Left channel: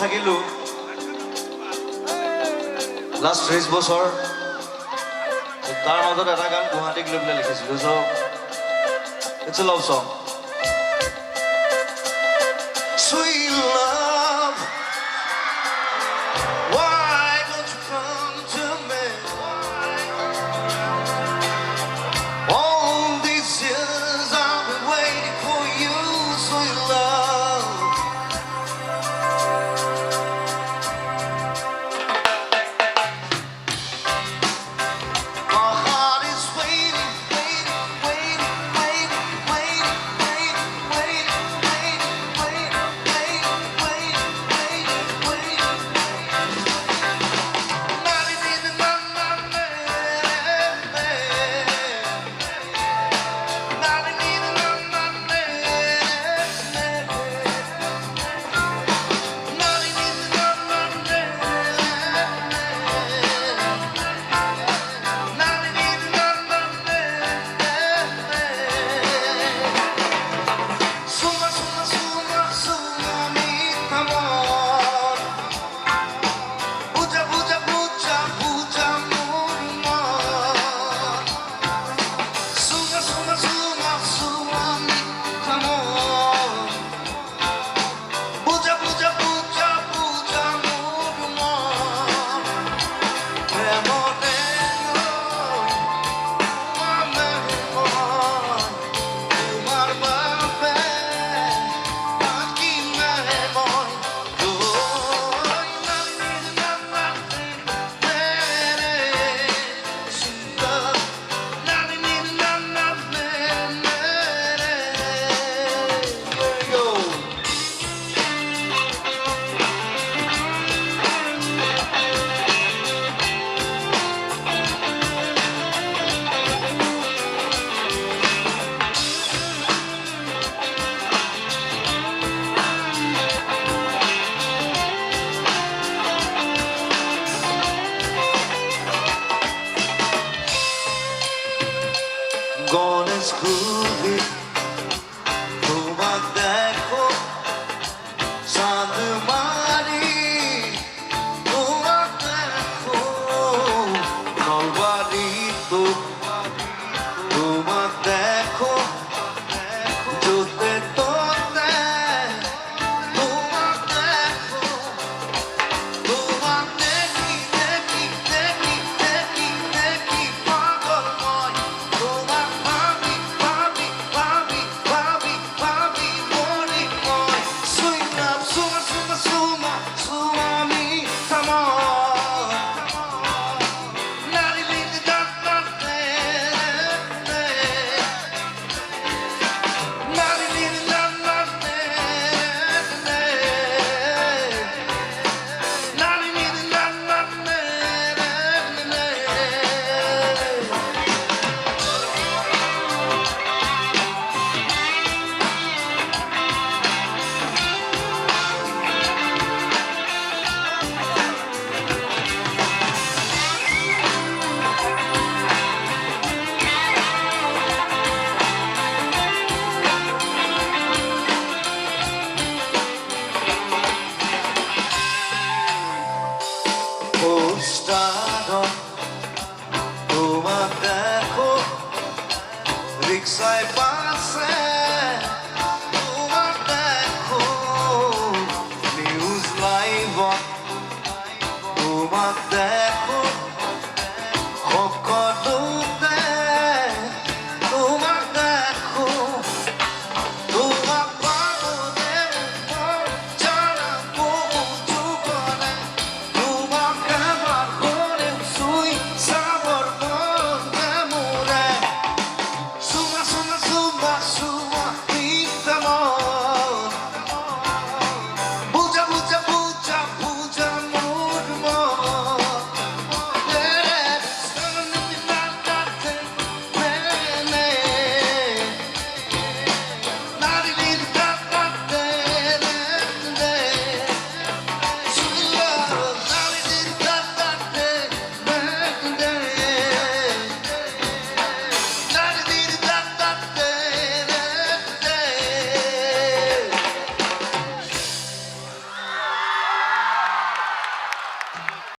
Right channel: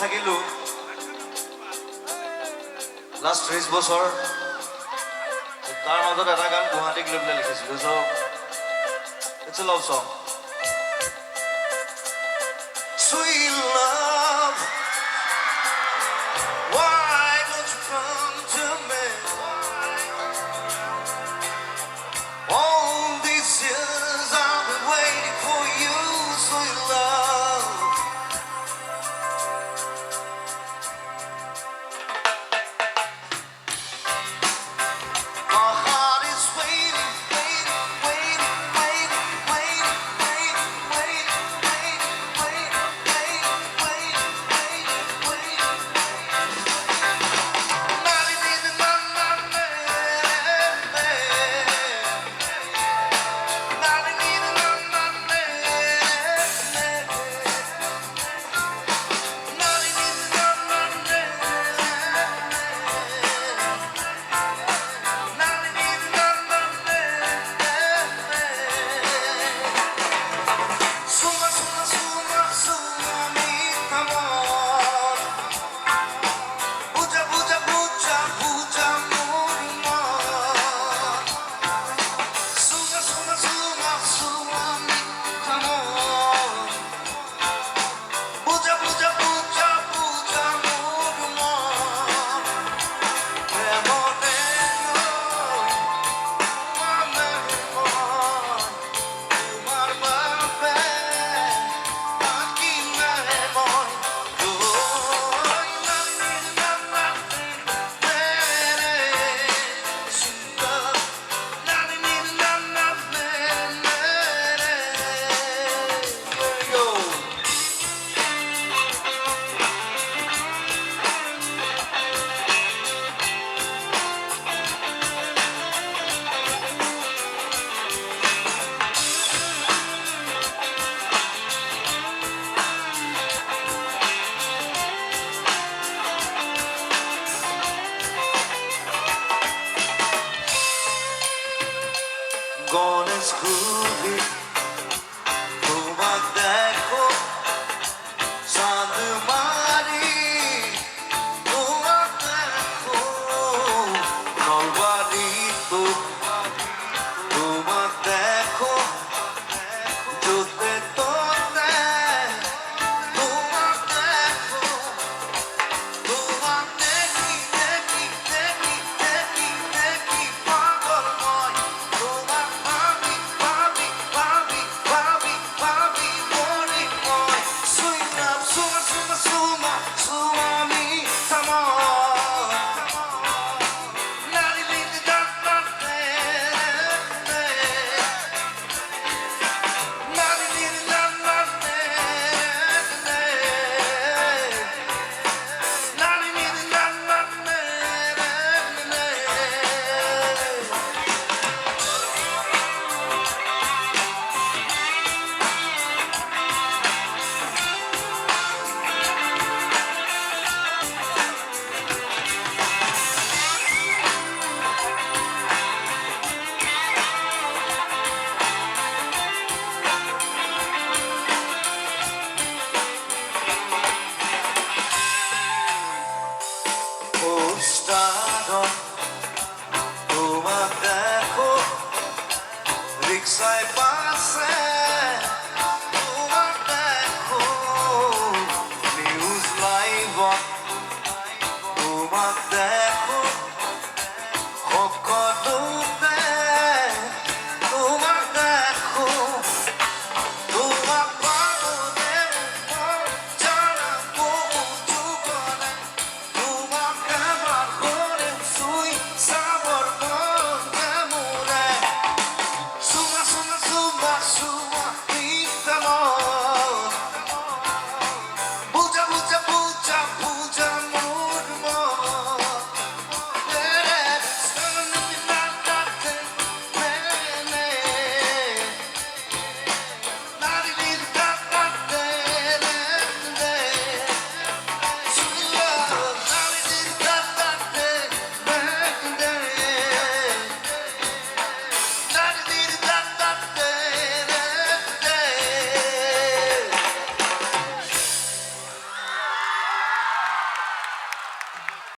থাকিলো লাষ্ট 30 বছৰ তাৰ মাজত এটা গান গুৱাহাটীক লৈ পেলাই লিখিছিলো চ it's a love song Sweet love, why don't you come to me? All these years I've been waiting for you, sweet love. My heart is waiting, waiting, waiting, waiting, waiting, waiting, waiting, waiting, waiting, waiting, waiting, waiting. Not even my man. Not even my man. Not even my man. Suma, suma, suma, suma, mi amor. Puja, puja, puja, puja, amor. Suma, suma, suma, suma, mi amor. Puja, puja, puja, puja, amor. Amor, Ganesh খুবই তোমার দেখো চাঁদ মারি তোমার দেখো নলবাড়ি তো তোমার দেখো জোতে তোতে তোমার দেখো তোমার দেখি দেখি দেখি দেখি দেখি পাগলময় তোমার ভাবি ভাবি ভাবি ভাবি ভাবি মনে হয় Sweet love, suma, suma, suma, suma, mi amor. Nari, nari, da, da, de, de. Nari, nari, da, da, de, de. Nari, nari, da, da, de, de, de. পোস্টারত তোমার দেখো রিক্সায় বাসে তোমার দেখো নিউজ লাইভত